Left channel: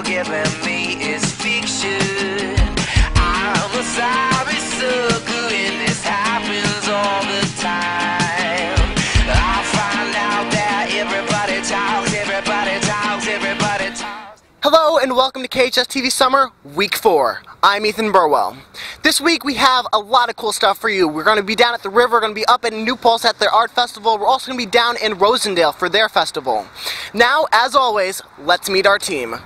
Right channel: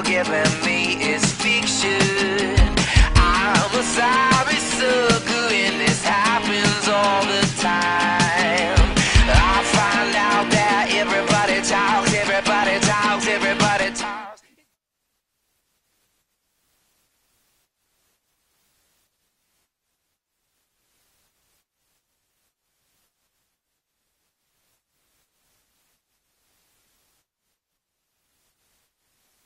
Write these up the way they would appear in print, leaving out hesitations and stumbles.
you're giving me is fiction. I'm a sorry sucker and this happens all the time. I find out that everybody talks, everybody talks, everybody talks. Hello and welcome to KHSTV Summer Week 4. I'm Ethan Burwell. This week we have a lot of cool stuff for you. We're going to be down at the river, we're going to be up at New Paltz at their art festival. We're also going to be down in Rosendale for their festival. Now, as always, let's meet our team.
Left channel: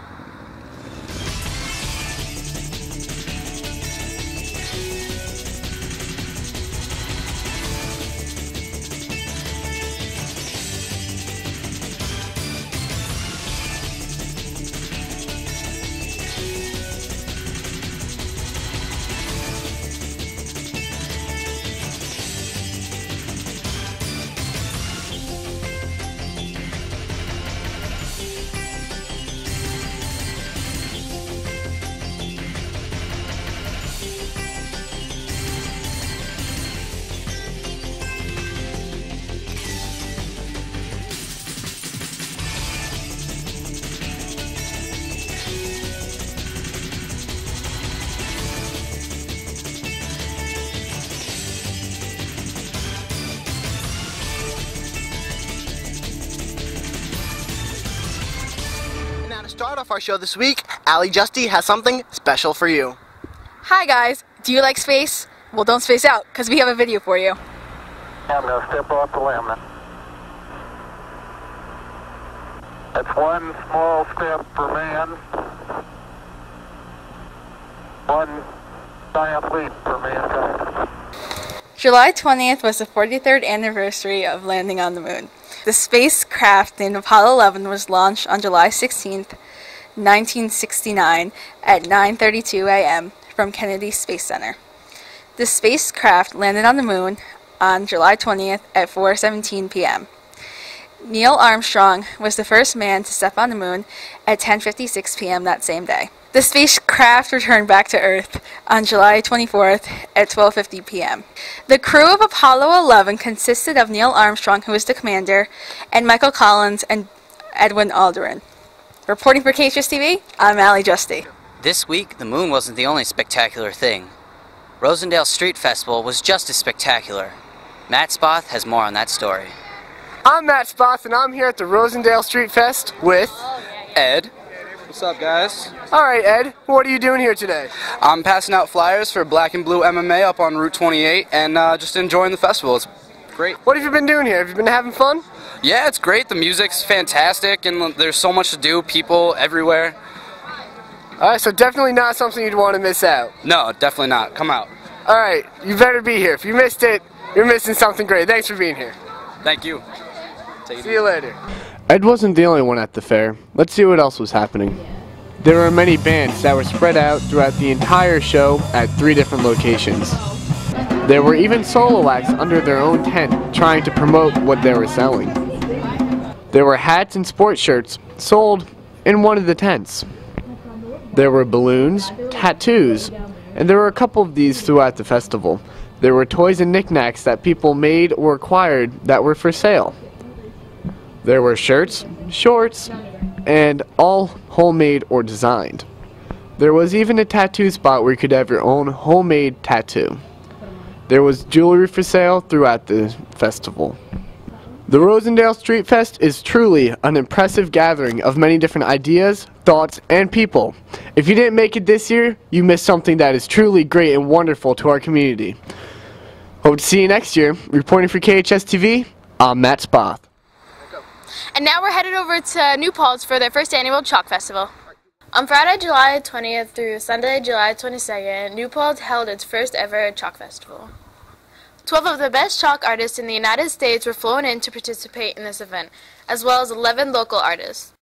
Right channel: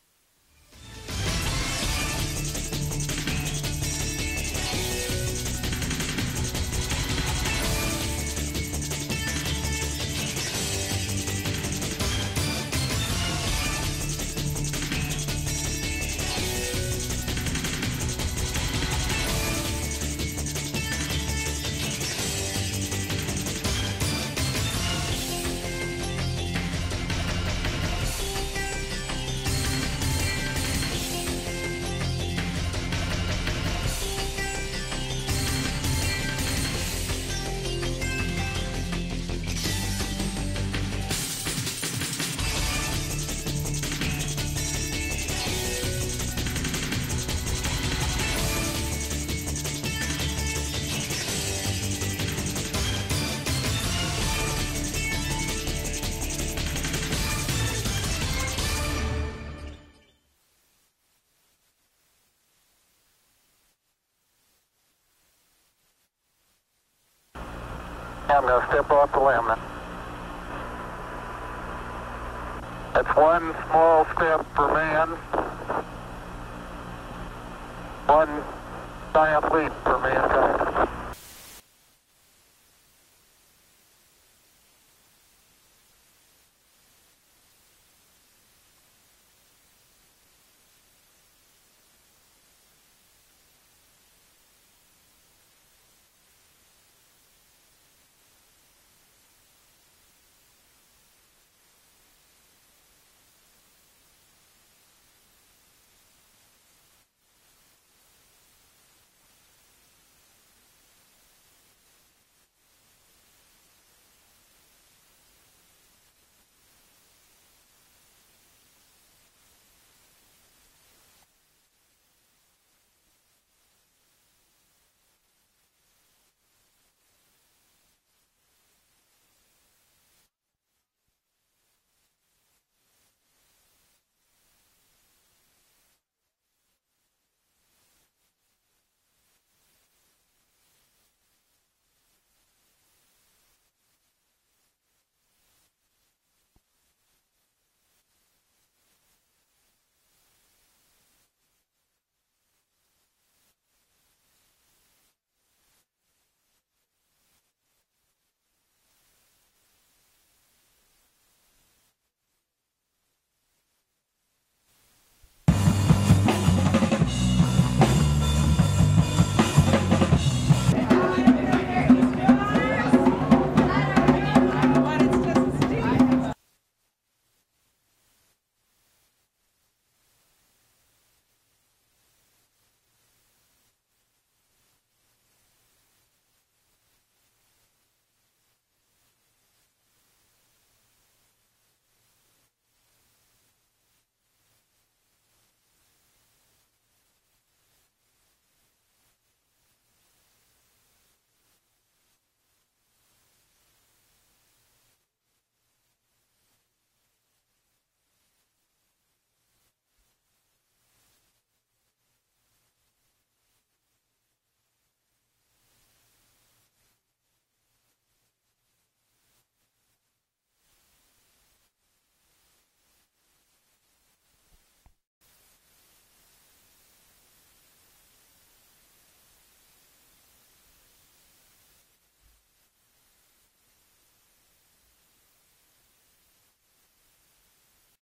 Start off our show this week, KHSTV has something special for you. Hi guys, do you like space? Well, don't space out, because we have a video for you. I'm going to step off the limb now. That's one small step for man, one giant leap for mankind. July 20th was the 43rd anniversary of landing on the moon. The spacecraft named Apollo 11 was launched on July 16th, 1969 at 9:32 a.m. from Kennedy Space Center. The spacecraft landed on the moon on July 20th at 4:17 p.m. Neil Armstrong was the first man to step on the moon at 10:56 p.m. that same day. The spacecraft returned back to Earth on July 24th at 12:50 p.m. The crew of Apollo 11 consisted of Neil Armstrong, who was the commander, and Michael Collins and Edwin Aldrin. Reporting for KHSTV, I'm KHSTV. This week, the moon wasn't the only spectacular thing. Rosendale Street Festival was just as spectacular. Matt Spoth has more on that story. I'm Matt Spoth and I'm here at the Rosendale Street Fest with Ed. What's up, guys? Alright, Ed, what are you doing here today? I'm passing out flyers for Black and Blue MMA up on Route 28 and just enjoying the festival. It's great. What have you been doing here? Have you been having fun? Yeah, it's great. The music's fantastic and there's so much to do, people everywhere. Alright, so definitely not something you'd want to miss out. No, definitely not. Come out. Alright, you better be here. If you missed it, you're missing something great. Thanks for being here. Thank you. See you later. Ed wasn't the only one at the fair. Let's see what else was happening. There were many bands that were spread out throughout the entire show at 3 different locations. There were even solo acts under their own tent trying to promote what they were selling. There were hats and sports shirts sold in one of the tents. There were balloons, tattoos, and there were a couple of these throughout the festival. There were toys and knickknacks that people made or acquired that were for sale. There were shirts, shorts, and all homemade or designed. There was even a tattoo spot where you could have your own homemade tattoo. There was jewelry for sale throughout the festival. The Rosendale Street Fest is truly an impressive gathering of many different ideas, thoughts, and people. If you didn't make it this year, you missed something that is truly great and wonderful to our community. Hope to see you next year. Reporting for KHSTV, I'm Matt Spoth. And now we're headed over to New Paltz for their first annual Chalk Festival. On Friday, July 20th through Sunday, July 22nd, New Paltz held its first ever Chalk Festival. 12 of the best chalk artists in the United States were flown in to participate in this event, as well as 11 local artists.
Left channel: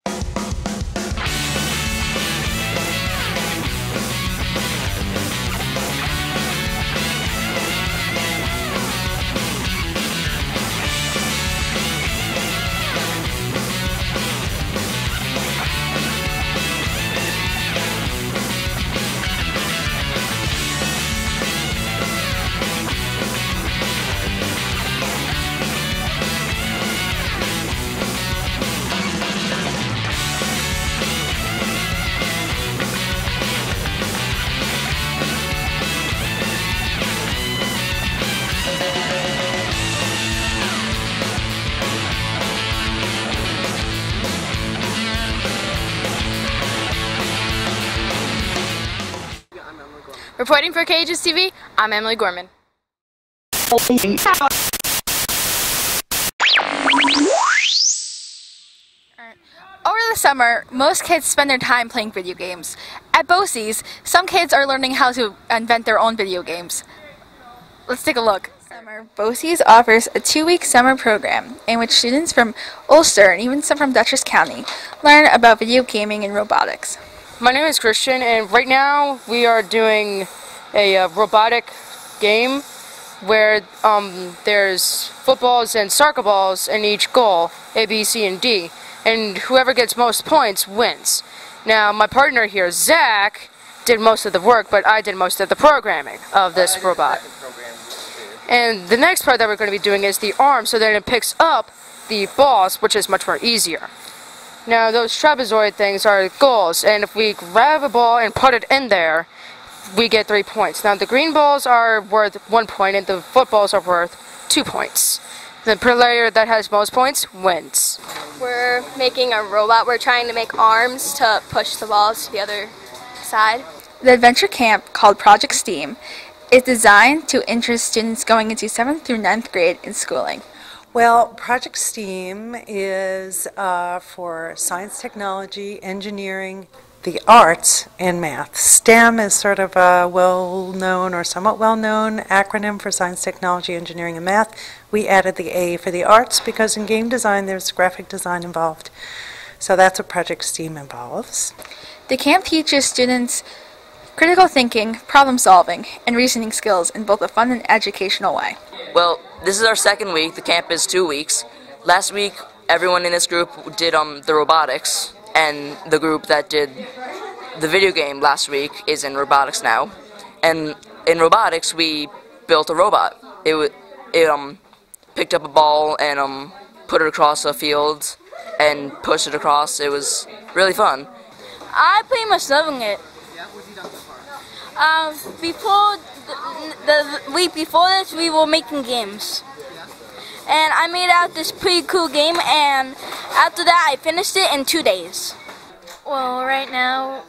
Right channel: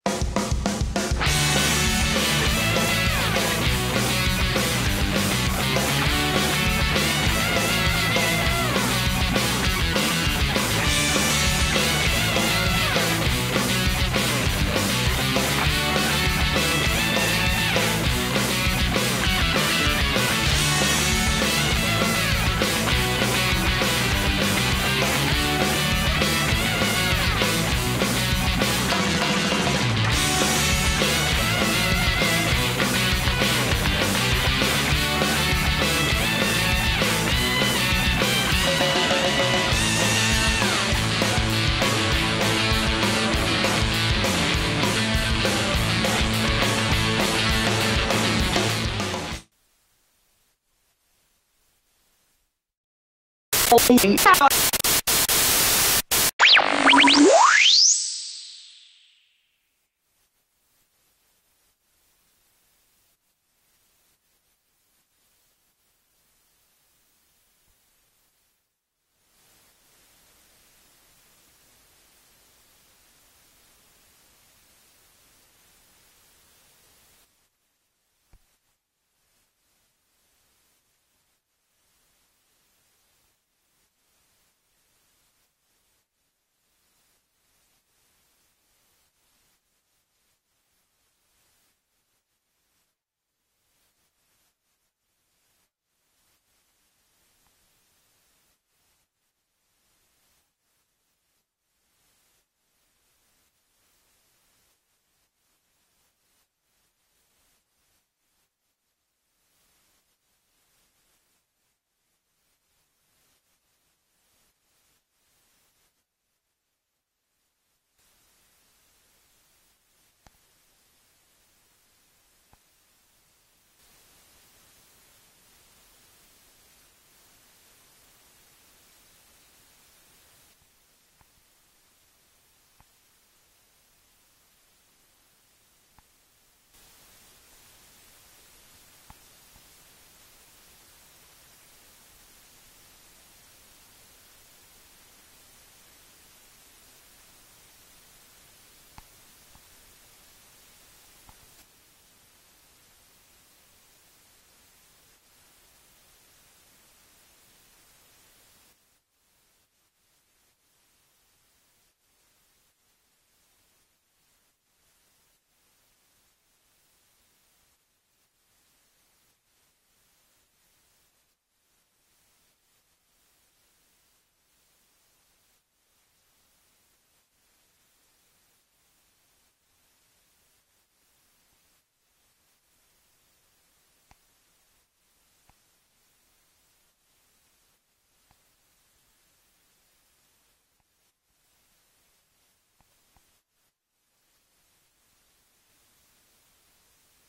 Reporting for KHSTV, I'm Emily Gorman. Over the summer, most kids spend their time playing video games. At BOCES, some kids are learning how to invent their own video games. Let's take a look. Summer, BOCES offers a 2-week summer program in which students from Ulster and even some from Dutchess County learn about video gaming and robotics. My name is Christian, and right now we are doing a robotic game where there's footballs and soccer balls in each goal, A, B, C, and D, and whoever gets most points wins. Now, my partner here, Zach, did most of the work, but I did most of the programming of this robot. And the next part that we're going to be doing is the arm, so that it picks up the balls, which is much more easier. Now, those trapezoid things are goals, and if we grab a ball and put it in there, we get 3 points. Now, the green balls are worth 1 point, and the footballs are worth 2 points. The player that has most points wins. We're making a robot. We're trying to make arms to push the balls to the other side. The adventure camp, called Project STEAM, is designed to interest students going into 7th through 9th grade in schooling. Well, Project STEAM is for science, technology, engineering, the arts, and math. STEM is sort of a well-known or somewhat well-known acronym for science, technology, engineering, and math. We added the A for the arts because in game design there's graphic design involved. So that's what Project STEAM involves. The camp teaches students critical thinking, problem solving, and reasoning skills in both a fun and educational way. Well, this is our second week. The camp is 2 weeks. Last week, everyone in this group did the robotics, and the group that did the video game last week is in robotics now. And in robotics, we built a robot. It picked up a ball and put it across a field and pushed it across. It was really fun. I pretty much loving it. Before the week before this, we were making games. And I made out this pretty cool game, and after that, I finished it in 2 days. Well, right now,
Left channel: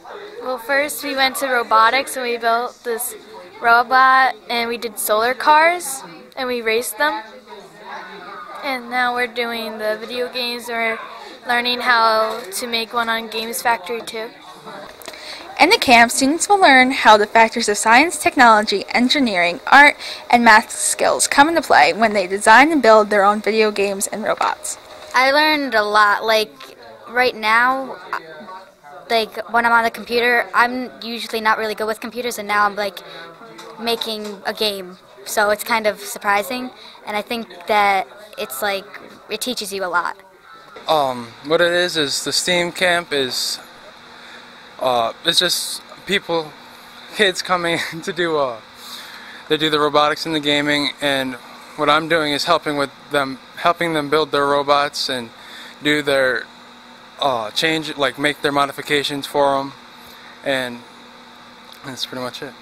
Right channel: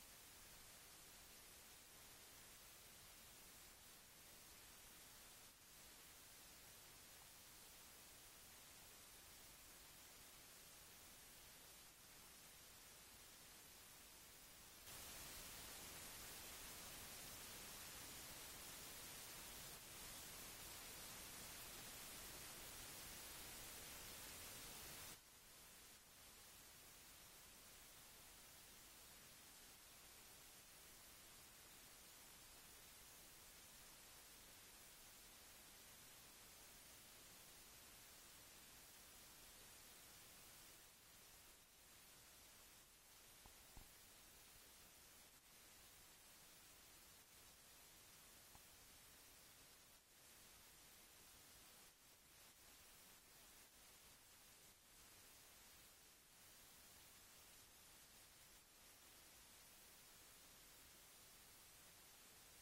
first we went to robotics and we built this robot and we did solar cars and we raced them. And now we're doing the video games. We're learning how to make one on Games Factory too. In the camp, students will learn how the factors of science, technology, engineering, art, and math skills come into play when they design and build their own video games and robots. I learned a lot. Like, right now, like, when I'm on the computer, I'm usually not really good with computers, and now I'm, like, making a game. So it's kind of surprising, and I think that it's, like, it teaches you a lot. What it is the STEAM camp is... it's just kids coming to do they do the robotics and the gaming, and what I'm doing is helping them build their robots and do their make their modifications for them, and that's pretty much it.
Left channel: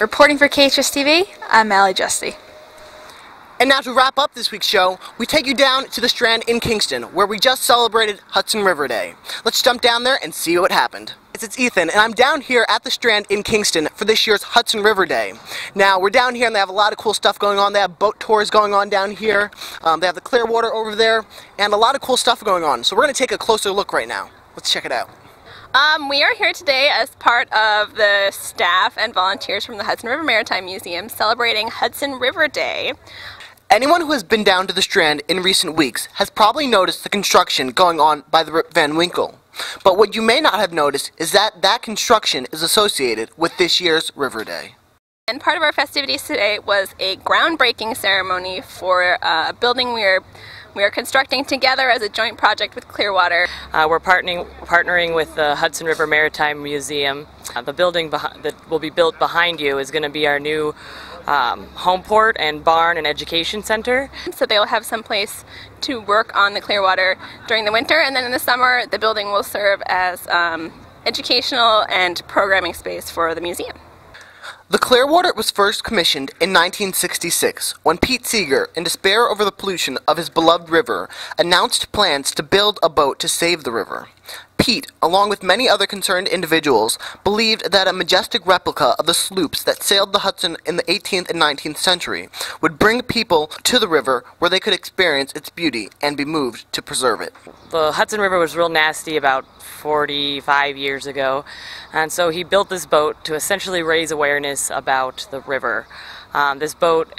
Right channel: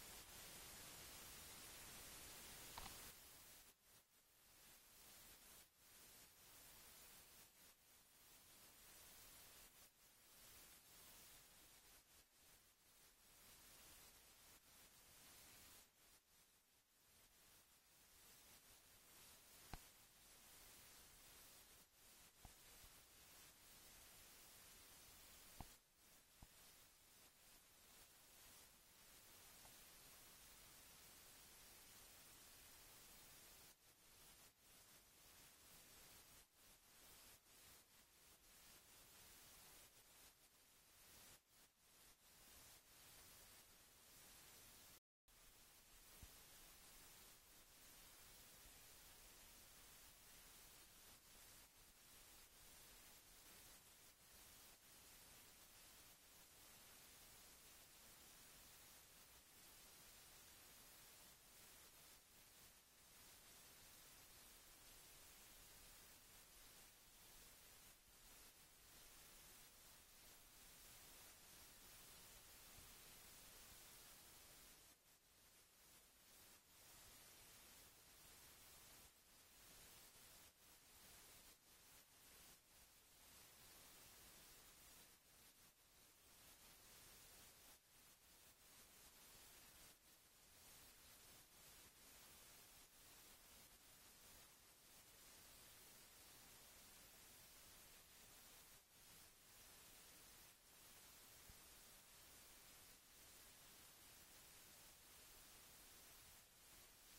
Reporting for KHSTV, I'm Allie Justy. And now to wrap up this week's show, we take you down to the Strand in Kingston, where we just celebrated Hudson River Day. Let's jump down there and see what happened. It's Ethan, and I'm down here at the Strand in Kingston for this year's Hudson River Day. Now, we're down here and they have a lot of cool stuff going on. They have boat tours going on down here. They have the Clearwater over there, and a lot of cool stuff going on. So we're going to take a closer look right now. Let's check it out. We are here today as part of the staff and volunteers from the Hudson River Maritime Museum celebrating Hudson River Day. Anyone who has been down to the Strand in recent weeks has probably noticed the construction going on by the Rip Van Winkle. But what you may not have noticed is that that construction is associated with this year's River Day. And part of our festivities today was a groundbreaking ceremony for a building we are constructing together as a joint project with Clearwater. We're partnering with the Hudson River Maritime Museum. The building that will be built behind you is going to be our new home port and barn and education center. So they'll have some place to work on the Clearwater during the winter, and then in the summer the building will serve as educational and programming space for the museum. The Clearwater was first commissioned in 1966 when Pete Seeger, in despair over the pollution of his beloved river, announced plans to build a boat to save the river. Pete, along with many other concerned individuals, believed that a majestic replica of the sloops that sailed the Hudson in the 18th and 19th century would bring people to the river where they could experience its beauty and be moved to preserve it. The Hudson River was real nasty about 45 years ago, and so he built this boat to essentially raise awareness about the river. This boat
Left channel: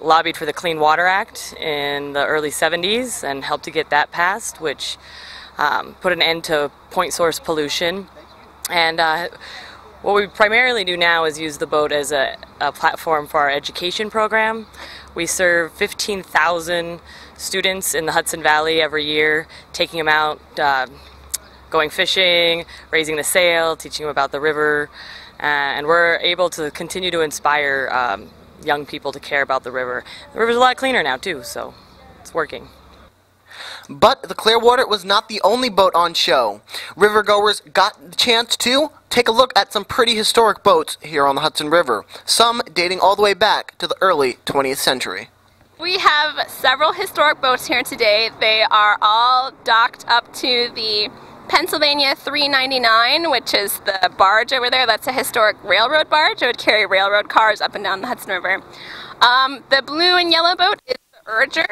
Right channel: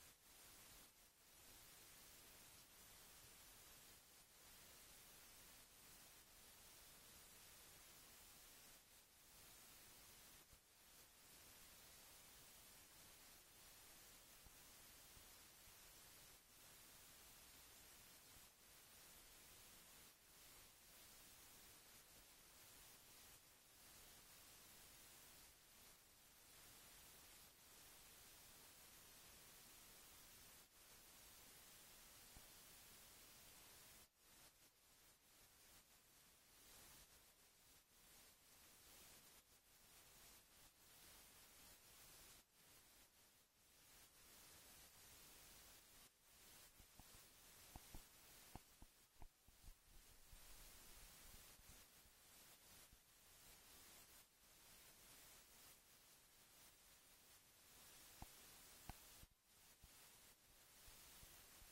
lobbied for the Clean Water Act in the early 70s and helped to get that passed, which put an end to point source pollution. And what we primarily do now is use the boat as a platform for our education program. We serve 15,000 students in the Hudson Valley every year, taking them out, going fishing, raising the sail, teaching them about the river, and we're able to continue to inspire young people to care about the river. The river's a lot cleaner now too, so it's working. But the Clearwater was not the only boat on show. Rivergoers got the chance to take a look at some pretty historic boats here on the Hudson River, some dating all the way back to the early 20th century. We have several historic boats here today. They are all docked up to the Pennsylvania 399, which is the barge over there. That's a historic railroad barge. It would carry railroad cars up and down the Hudson River. The blue and yellow boat is the Urger.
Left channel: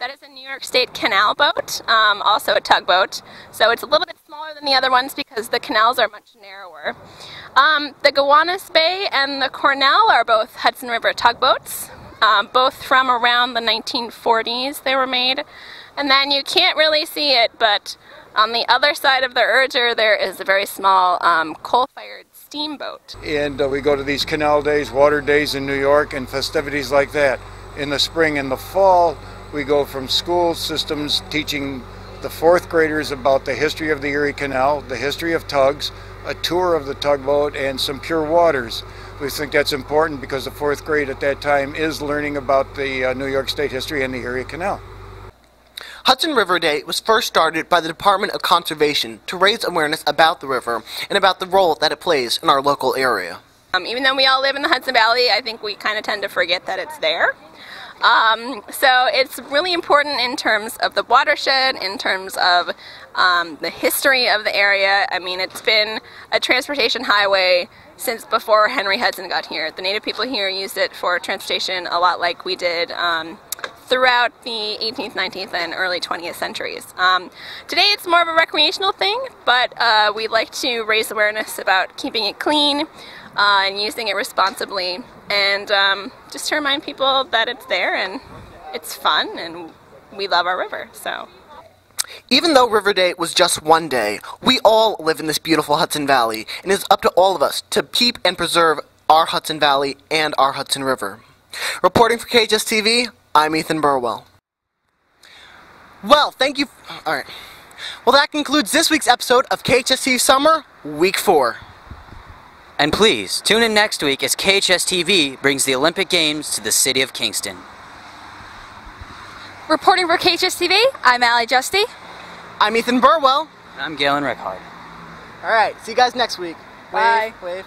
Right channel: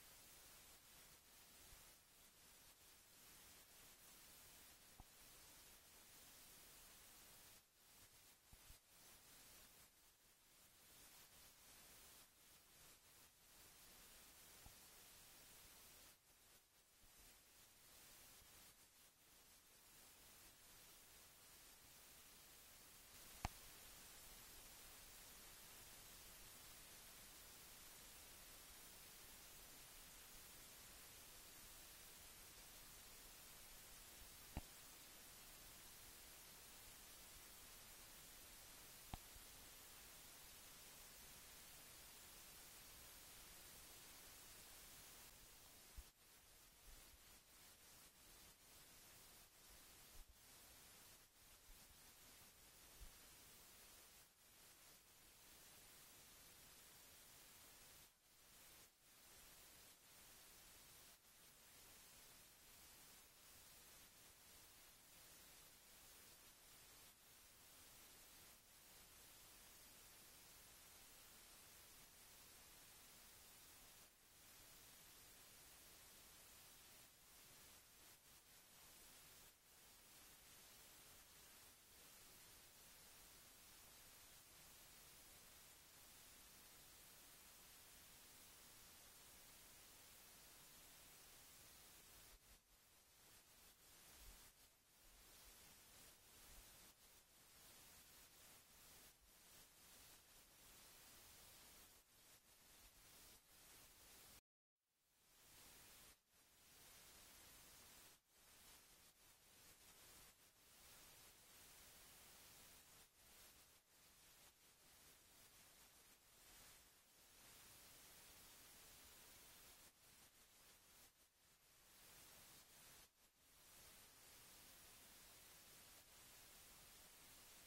That is a New York State canal boat, also a tugboat. So it's a little bit smaller than the other ones because the canals are much narrower. The Gowanus Bay and the Cornell are both Hudson River tugboats, both from around the 1940s they were made. And then you can't really see it, but on the other side of the Urger there is a very small coal-fired steamboat. And we go to these canal days, water days in New York, and festivities like that. In the spring and the fall, we go from school systems teaching the fourth graders about the history of the Erie Canal, the history of tugs, a tour of the tugboat, and some pure waters. We think that's important because the fourth grade at that time is learning about the New York State history and the Erie Canal. Hudson River Day was first started by the Department of Conservation to raise awareness about the river and about the role that it plays in our local area. Even though we all live in the Hudson Valley, I think we kind of tend to forget that it's there. So it's really important in terms of the watershed, in terms of the history of the area. I mean, it's been a transportation highway since before Henry Hudson got here. The native people here used it for transportation a lot like we did throughout the 18th, 19th, and early 20th centuries. Today it's more of a recreational thing, but we like to raise awareness about keeping it clean and using it responsibly, and just to remind people that it's there and it's fun and we love our river. So, even though River Day was just one day, we all live in this beautiful Hudson Valley, and it's up to all of us to keep and preserve our Hudson Valley and our Hudson River. Reporting for KHSTV, I'm Ethan Burwell. Well, thank you. All right. Well, that concludes this week's episode of KHSTV Summer, Week 4. And please, tune in next week as KHSTV brings the Olympic Games to the city of Kingston. Reporting for KHSTV, I'm Allie Justy. I'm Ethan Burwell. And I'm Galen Rickhard. All right, see you guys next week. Bye. Wave.